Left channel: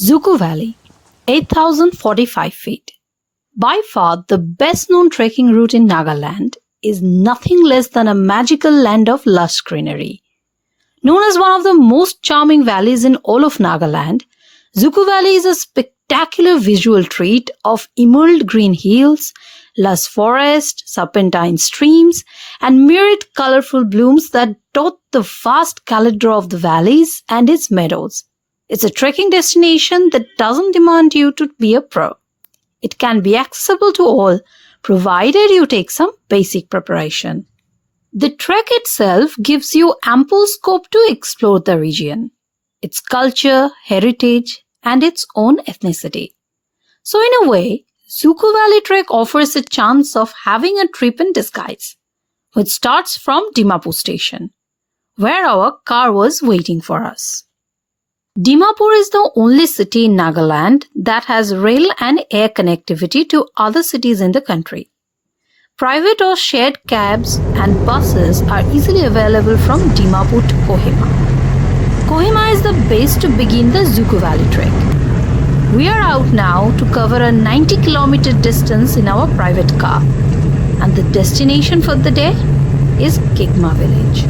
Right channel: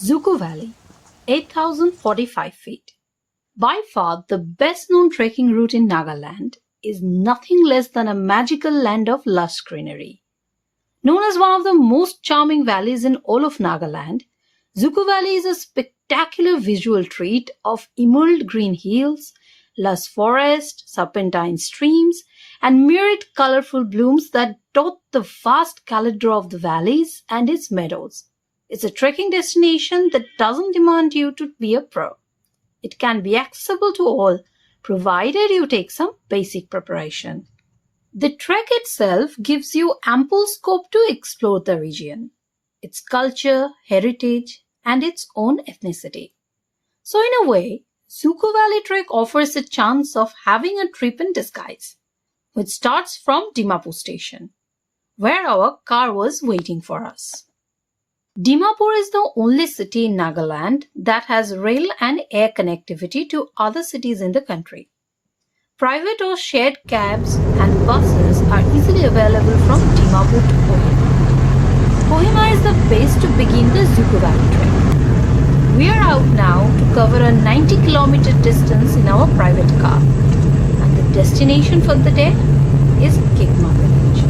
Dzukou Valley, 8,045 feet. By far the best known trekking route in Nagaland is nothing less than a magical land of lush greenery. Known as one of the most charming valleys in all of Nagaland, Dzukou Valley is a spectacular visual treat of emerald green hills, lush forest, serpentine streams, and myriad colorful blooms that dot the vast caldera of the valleys and its meadows. It's a trekking destination that doesn't demand you to be a pro. It can be accessible to all, provided you take some basic preparation. The trek itself gives you ample scope to explore the region, its culture, heritage, and its own ethnicity. So in a way, Dzukou Valley Trek offers a chance of having a trip in disguise, which starts from Dimapur station, where our car was waiting for us. Dimapur is the only city in Nagaland that has rail and air connectivity to other cities in the country. Private or shared cabs and buses are easily available from Dimapur to Kohima. Kohima is the base to begin the Dzukou Valley Trek. We are out now to cover a 90-kilometer distance in our private car, and the destination for the day is Kigwema village.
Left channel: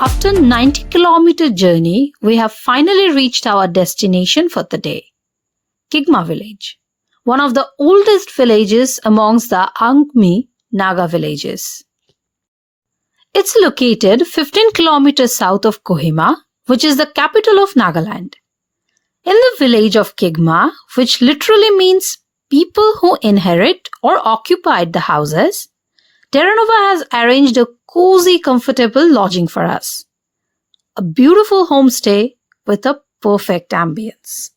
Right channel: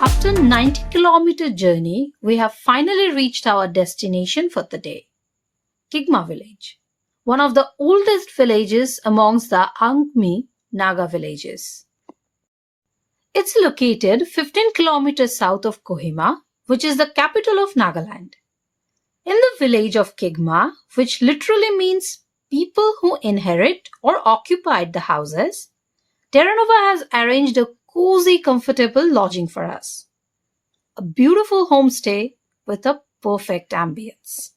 After a 90-kilometer journey, we have finally reached our destination for the day, Kigwema village, one of the oldest villages amongst the Angmi Naga villages. It's located 15 kilometers south of Kohima, which is the capital of Nagaland. In the village of Kigwema, which literally means people who inherit or occupied the houses, Terranova has arranged a cozy, comfortable lodging for us. A beautiful homestay with a perfect ambience.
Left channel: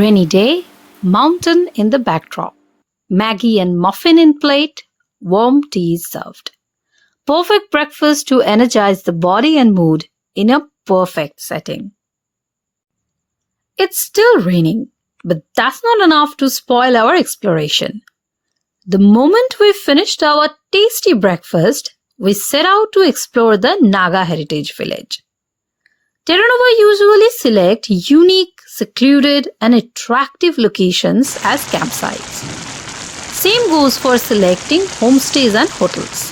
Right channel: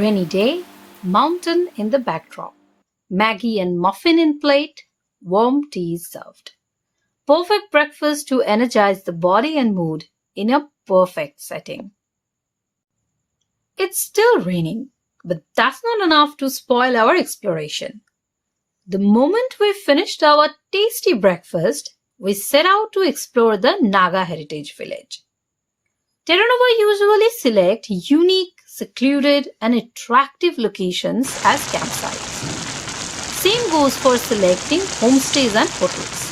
Rainy day, mountain in the backdrop. Maggie and muffin in plate, warm tea served. Perfect breakfast to energize the body and mood in a perfect setting. It's still raining, but that's not enough to spoil our exploration. The moment we finished our tasty breakfast, we set out to explore the Naga Heritage Village. Terranova usually select unique, secluded and attractive locations as campsites. Same goes for selecting homestays and hotels.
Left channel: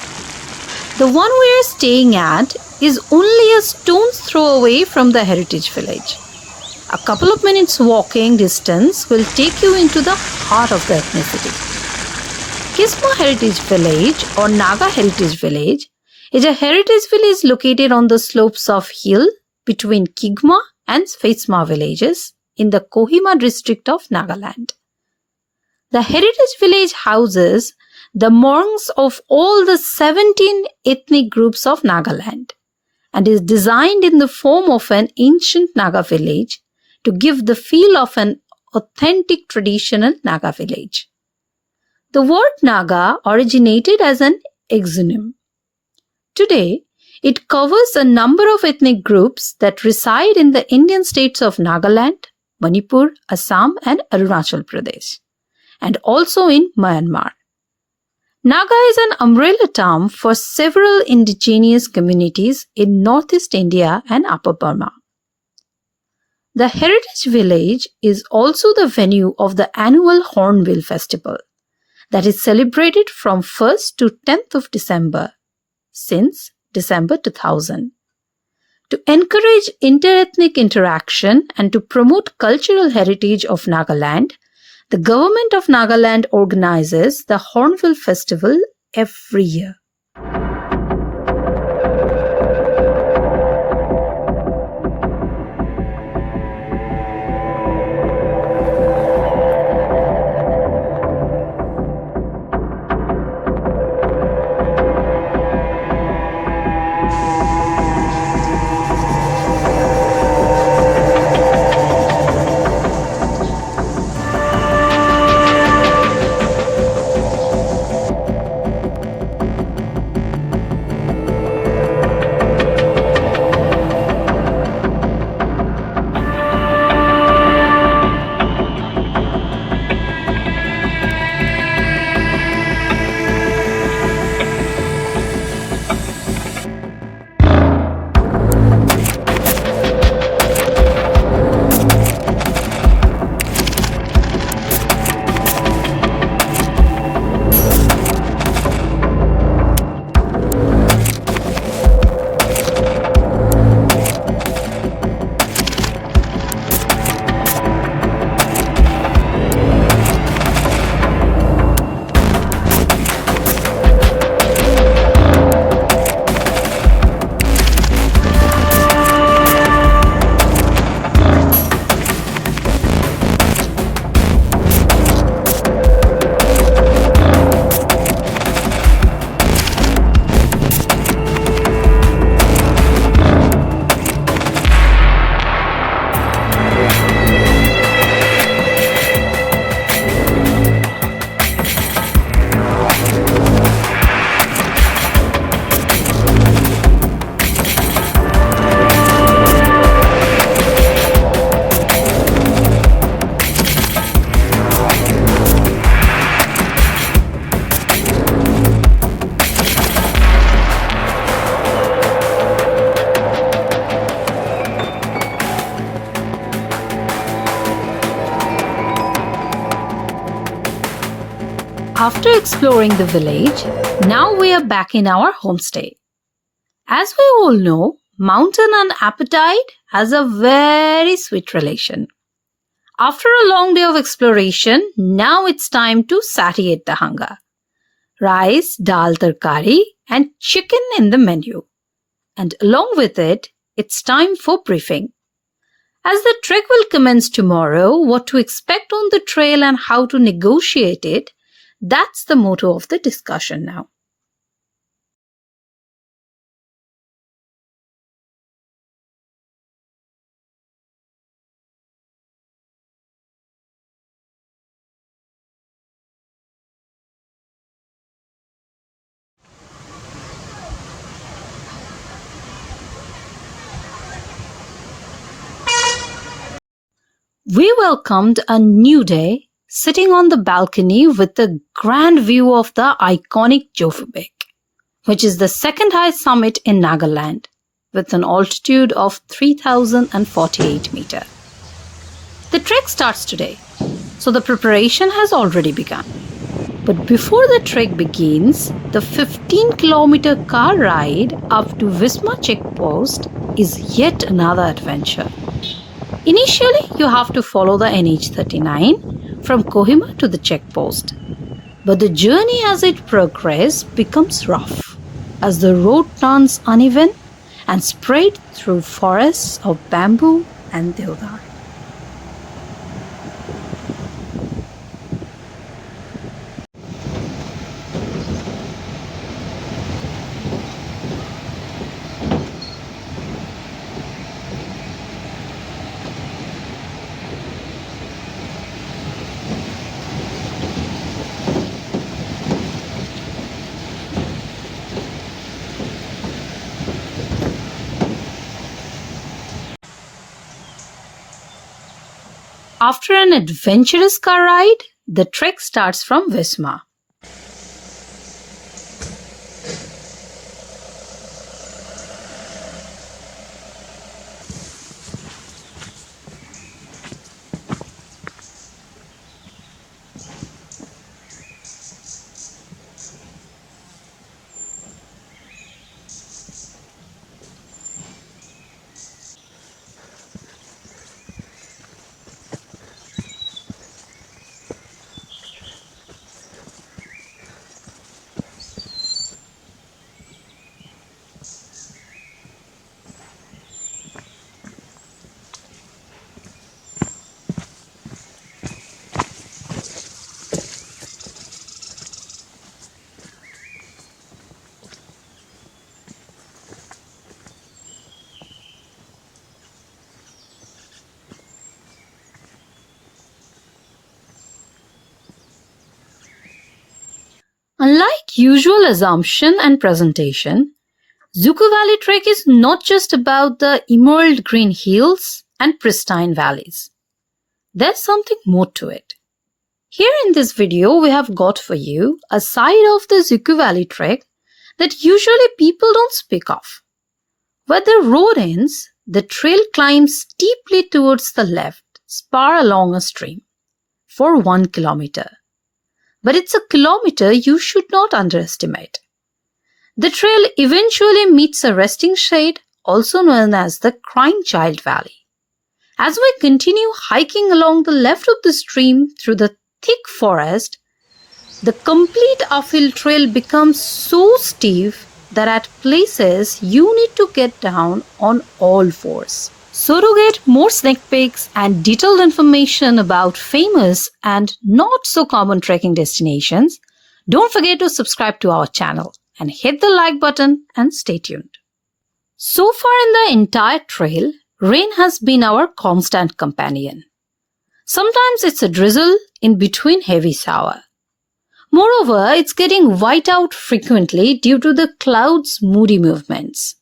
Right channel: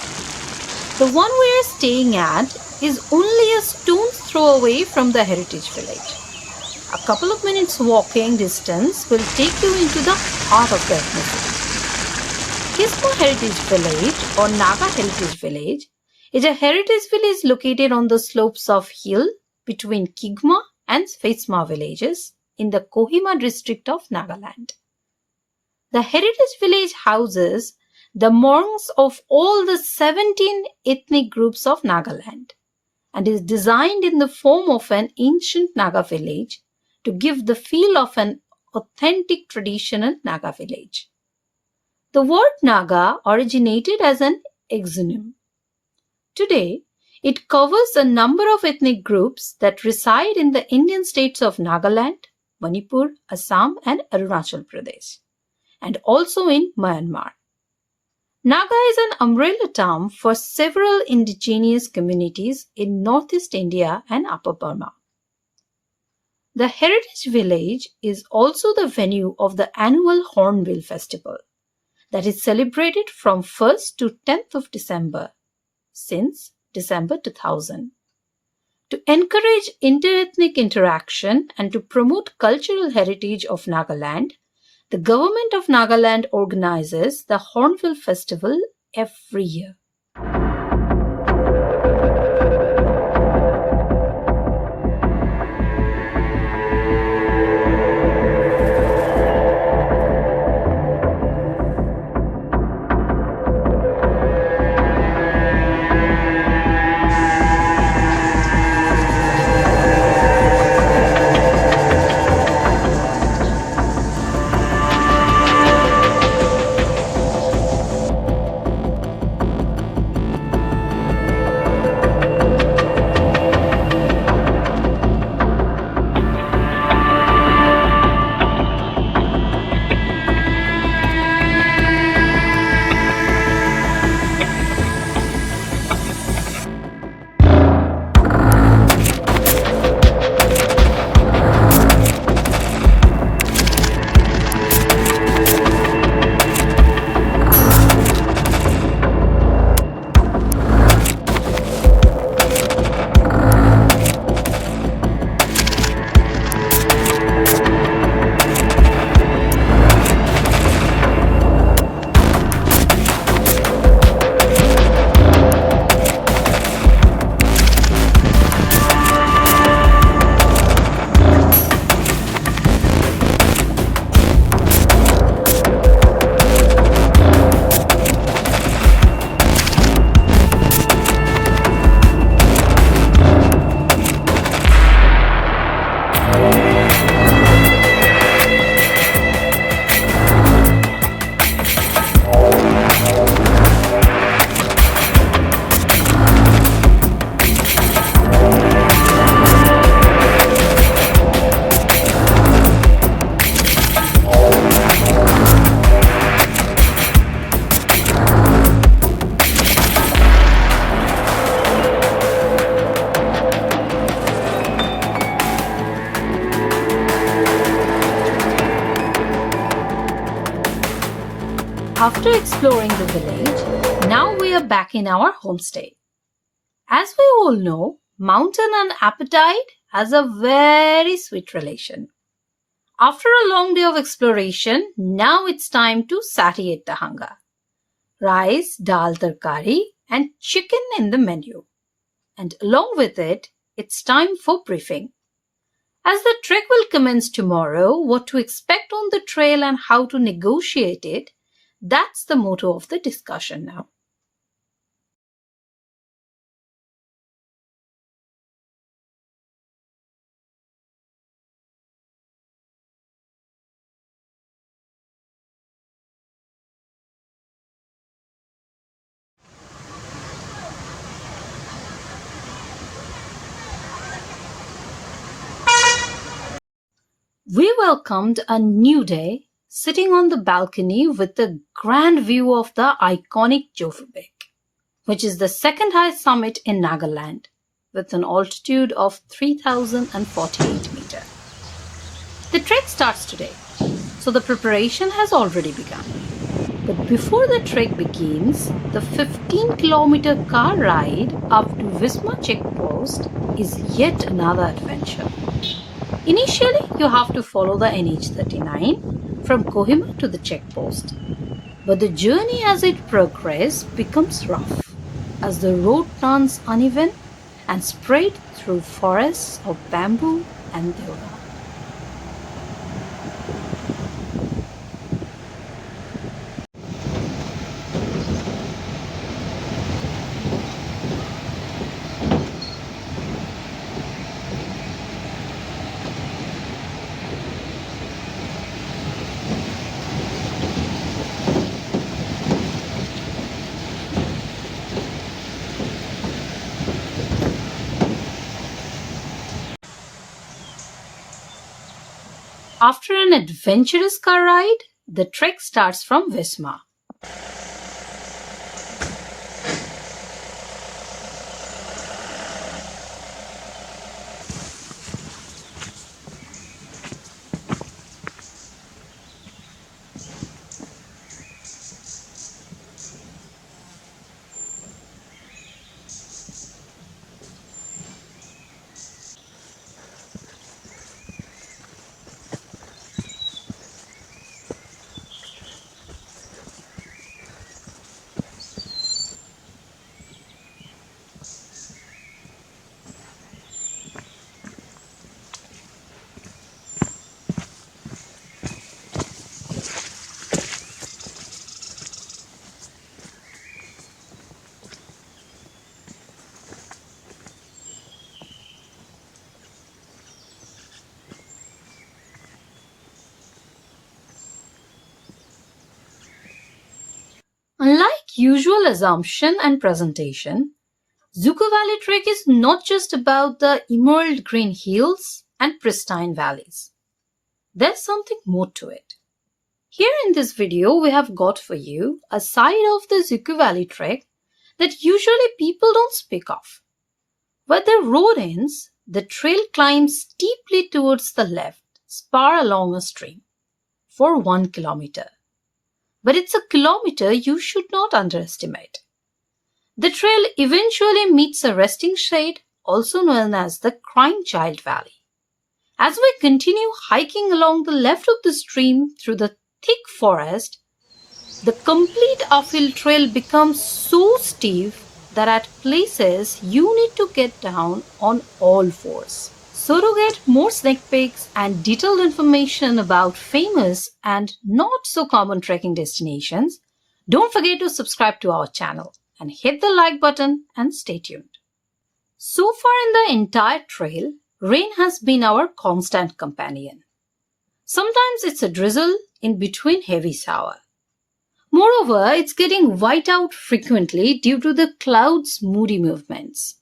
The one we are staying at is only a stone's throw away from the Heritage Village. A couple of minutes walking distance will take you into the heart of the ethnicity. Kigwema Heritage Village or Naga Heritage Village is a heritage village located on the slopes of hill between Kigwema and Vishwema villages in the Kohima district of Nagaland. The heritage village houses the monks of all the 17 ethnic groups of Nagaland and is designed in the form of an ancient Naga village to give the feel of an authentic traditional Naga village. The word Naga originated as an exonym. Today, it covers a number of ethnic groups that reside in the Indian states of Nagaland, Manipur, Assam and Arunachal Pradesh, and also in Myanmar. Naga is an umbrella term for several indigenous communities in northeast India and Upper Burma. The Heritage Village is also the venue of the annual Hornbill Festival that is celebrated from 1st to 10th of December since December 2000. To encourage interethnic interaction and to promote cultural heritage of Nagaland, the government of Nagaland organizes the Hornbill Festival every year. After exploring the village, now we are back in our homestay. As we all know, mountain and appetite has a very sweet relation. After a long day of exploration, now it's time to satiate the hunger. Rice, dal tarkari and chicken in the menu. And along with it, it's time for briefing. As the trek will commence tomorrow, what to expect on the trail and how to negotiate it, that's the motto of the discussion now. We welcomed a new day sitting on the balcony with a grand view of the iconic Japfu Peak, which is the second highest summit in Nagaland with an altitude of 3,048 meters. The trek starts today, so the preparation has already begun. But before the trek begins, the 15-kilometer car ride up to Vishwema checkpost is yet another adventure. Initially, you have to follow the NH39 from Kohima to the checkpost. But the journey as it progresses becomes rough as the road turns uneven and spread through forests of bamboo and deodar. After an adventurous car ride, the trek starts from Vishwema. Unlike usual assumption and presentation, Dzukou Valley trek is not just about the emerald green hills and pristine valleys. There's something more to it. Here in this video, we have got for you a side of the Dzukou Valley trek that usually people don't speak of. Where the road ends, the trail climbs steeply towards the left, spar along a stream, for 1 kilometer. But it's a kilometer you should not underestimate. The trail eventually meets a resting shade, also known as the Crying Child Valley. As we continue hiking along the left of the stream through the thick forest, the complete uphill trail becomes so steep that at places you need to get down on all fours. So to get more sneak peeks and detailed information about famous and not so common trekking destinations, don't forget to subscribe to our channel and hit the like button and stay tuned. So far in the entire trail, rain has been our constant companion. Sometimes it's a drizzle in between heavy shower. Moreover, it's getting white out frequently due to the clouds' moody movements.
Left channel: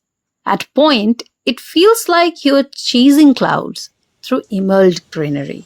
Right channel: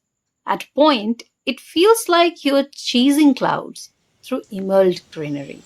At point, it feels like you're chasing clouds through emerald greenery.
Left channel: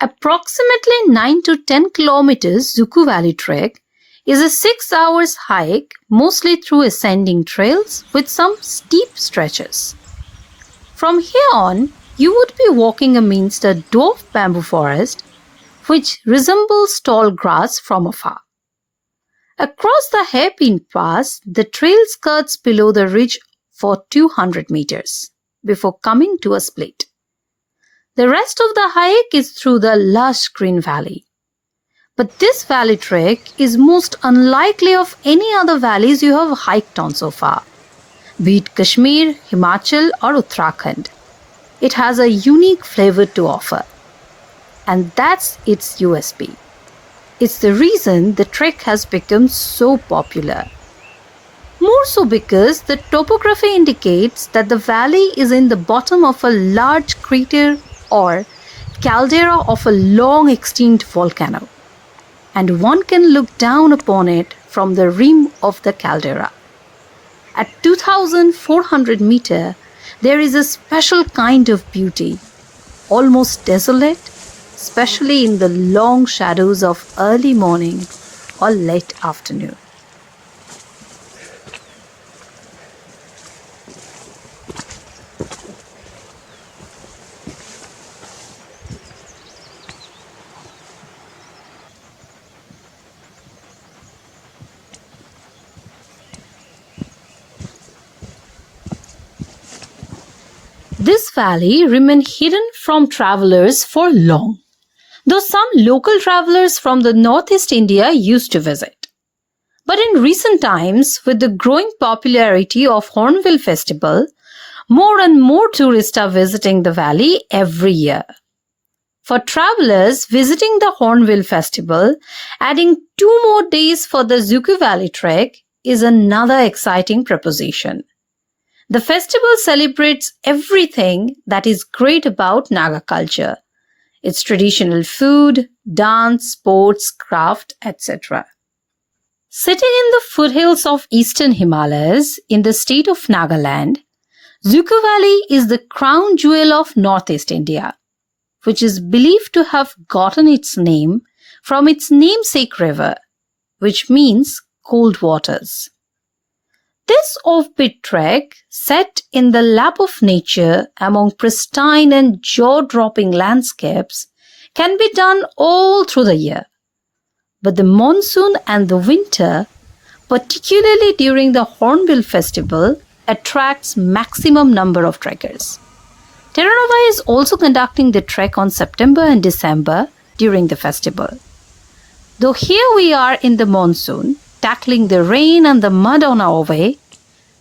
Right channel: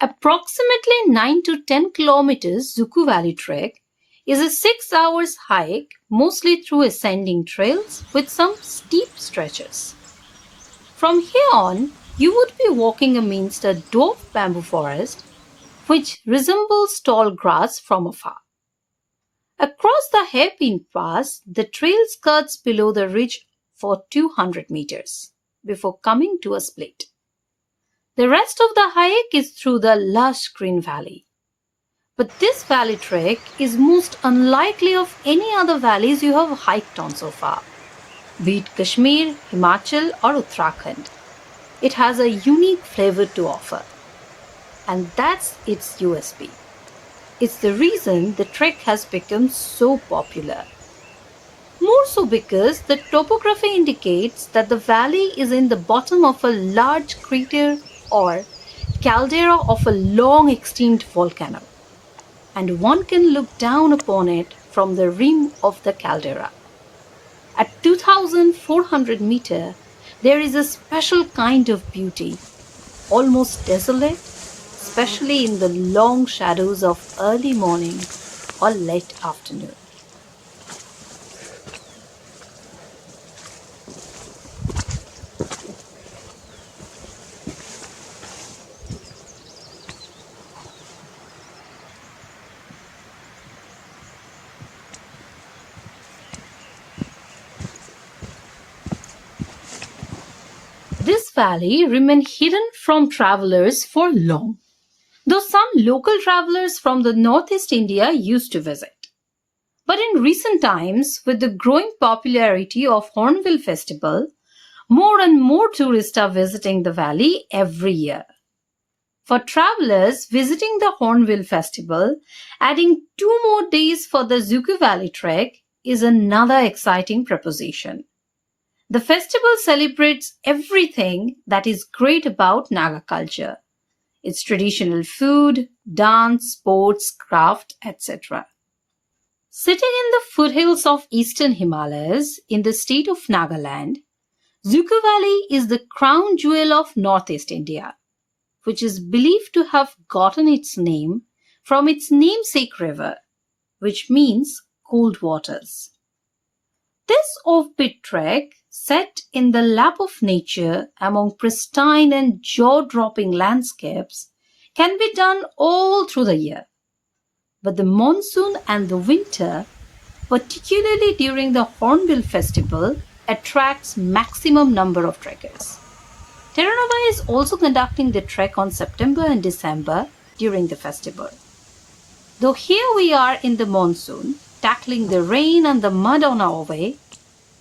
Approximately 9 to 10 kilometers Dzukou Valley trek is a 6 hours hike, mostly through ascending trails with some steep stretches. From here on, you would be walking amidst a dwarf bamboo forest which resembles tall grass from afar. Across the hairpin pass, the trail skirts below the ridge for 200 meters before coming to a split. The rest of the hike is through the lush green valley. But this valley trek is most unlikely of any other valleys you have hiked on so far, be it Kashmir, Himachal or Uttarakhand. It has a unique flavor to offer, and that's its USP. It's the reason the trek has become so popular. More so because the topography indicates that the valley is in the bottom of a large crater or caldera of a long extinct volcano, and one can look down upon it from the rim of the caldera. At 2,400 meters, there is a special kind of beauty, almost desolate, especially in the long shadows of early morning or late afternoon. This valley remained hidden from travelers for long, though some local travelers from the northeast India used to visit. But in recent times, with the growing popularity of Hornbill Festival, more and more tourists are visiting the valley every year. For travelers visiting the Hornbill Festival, adding 2 more days for the Dzukou Valley trek is another exciting proposition. The festival celebrates everything that is great about Naga culture, its traditional food, dance, sports, craft, etc. Sitting in the foothills of eastern Himalayas in the state of Nagaland, Dzukou Valley is the crown jewel of northeast India, which is believed to have gotten its name from its namesake river, which means cold waters. This offbeat trek, set in the lap of nature among pristine and jaw-dropping landscapes, can be done all through the year. But the monsoon and the winter, particularly during the Hornbill Festival, attracts maximum number of trekkers. Terranova is also conducting the trek on September and December during the festival. Though here we are in the monsoon, tackling the rain and the mud on our way,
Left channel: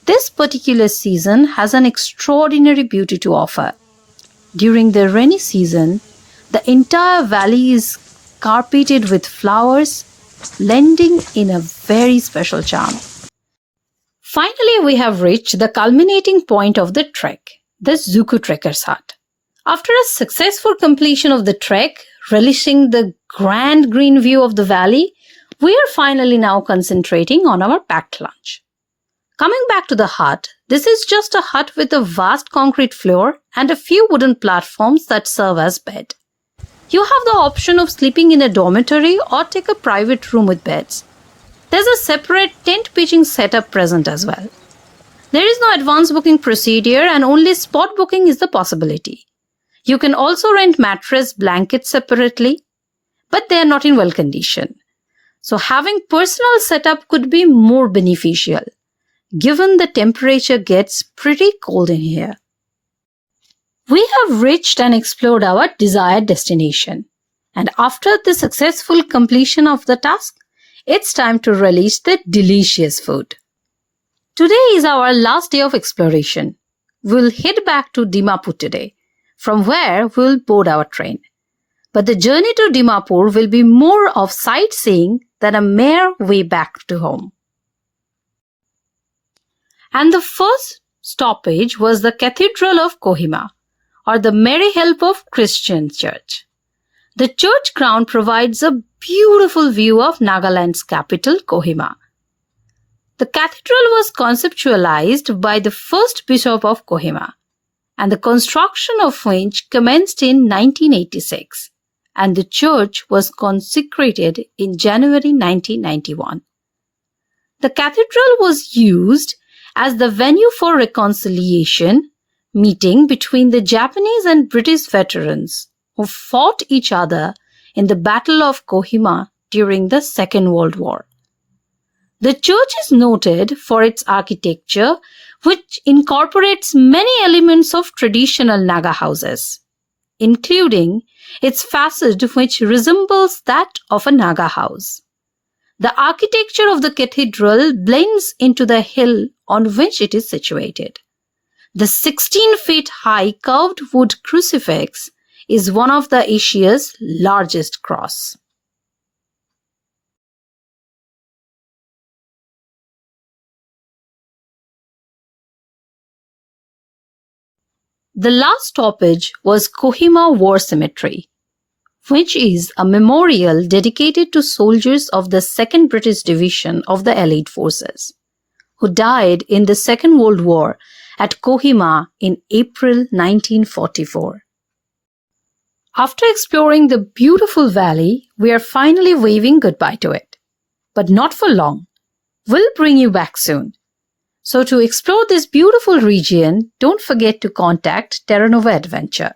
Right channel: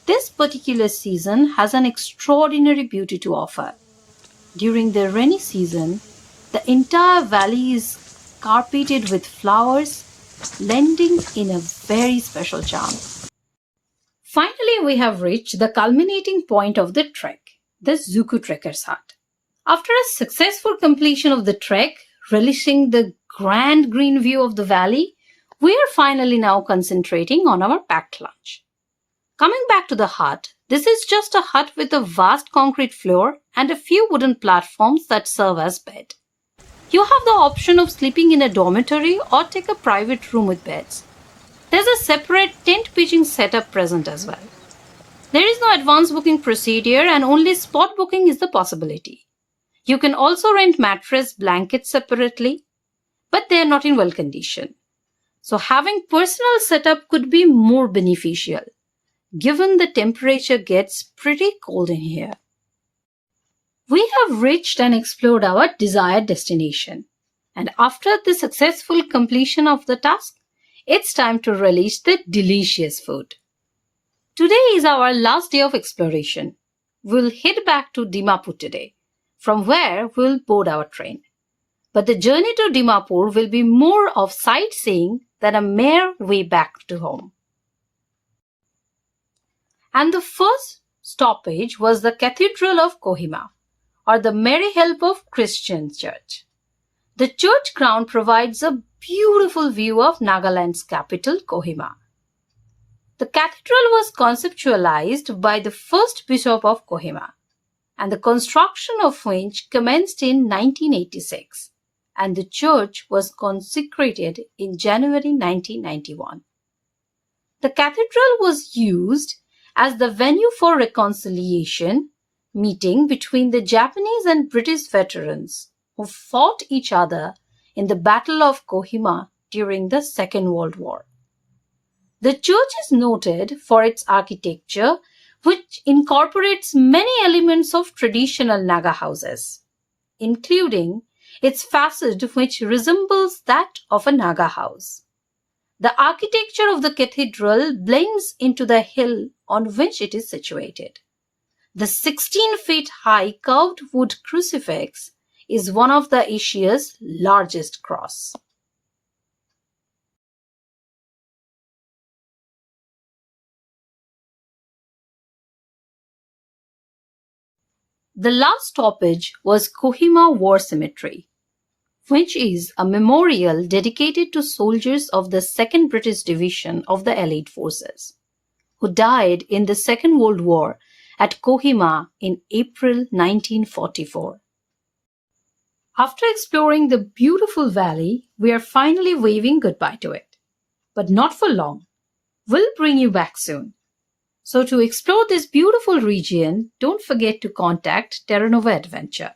this particular season has an extraordinary beauty to offer. During the rainy season, the entire valley is carpeted with flowers, lending in a very special charm. Finally, we have reached the culminating point of the trek, the Dzukou Trekker's Hut. After a successful completion of the trek, relishing the grand green view of the valley, we are finally now concentrating on our packed lunch. Coming back to the hut, this is just a hut with a vast concrete floor and a few wooden platforms that serve as bed. You have the option of sleeping in a dormitory or take a private room with beds. There's a separate tent pitching setup present as well. There is no advance booking procedure and only spot booking is the possibility. You can also rent mattress, blankets separately, but they are not in well condition. So having personal setup could be more beneficial, given the temperature gets pretty cold in here. We have reached and explored our desired destination, and after the successful completion of the task, it's time to relish the delicious food. Today is our last day of exploration. We'll head back to Dimapur today, from where we'll board our train. But the journey to Dimapur will be more of sightseeing than a mere way back to home. And the first stoppage was the Cathedral of Kohima, or the Mary Help of Christian Church. The church ground provides a beautiful view of Nagaland's capital, Kohima. The cathedral was conceptualized by the first bishop of Kohima, and the construction of which commenced in 1986, and the church was consecrated in January 1991. The cathedral was used as the venue for reconciliation meeting between the Japanese and British veterans who fought each other in the Battle of Kohima during the Second World War. The church is noted for its architecture, which incorporates many elements of traditional Naga houses, including its facade which resembles that of a Naga house. The architecture of the cathedral blends into the hill on which it is situated. The 16 feet high curved wood crucifix is one of the Asia's largest cross. The last stoppage was Kohima War Cemetery, which is a memorial dedicated to soldiers of the 2nd British Division of the Allied Forces, who died in the Second World War at Kohima in April 1944. After exploring the beautiful valley, we are finally waving goodbye to it. But not for long. We'll bring you back soon. So to explore this beautiful region, don't forget to contact Terranova Adventure.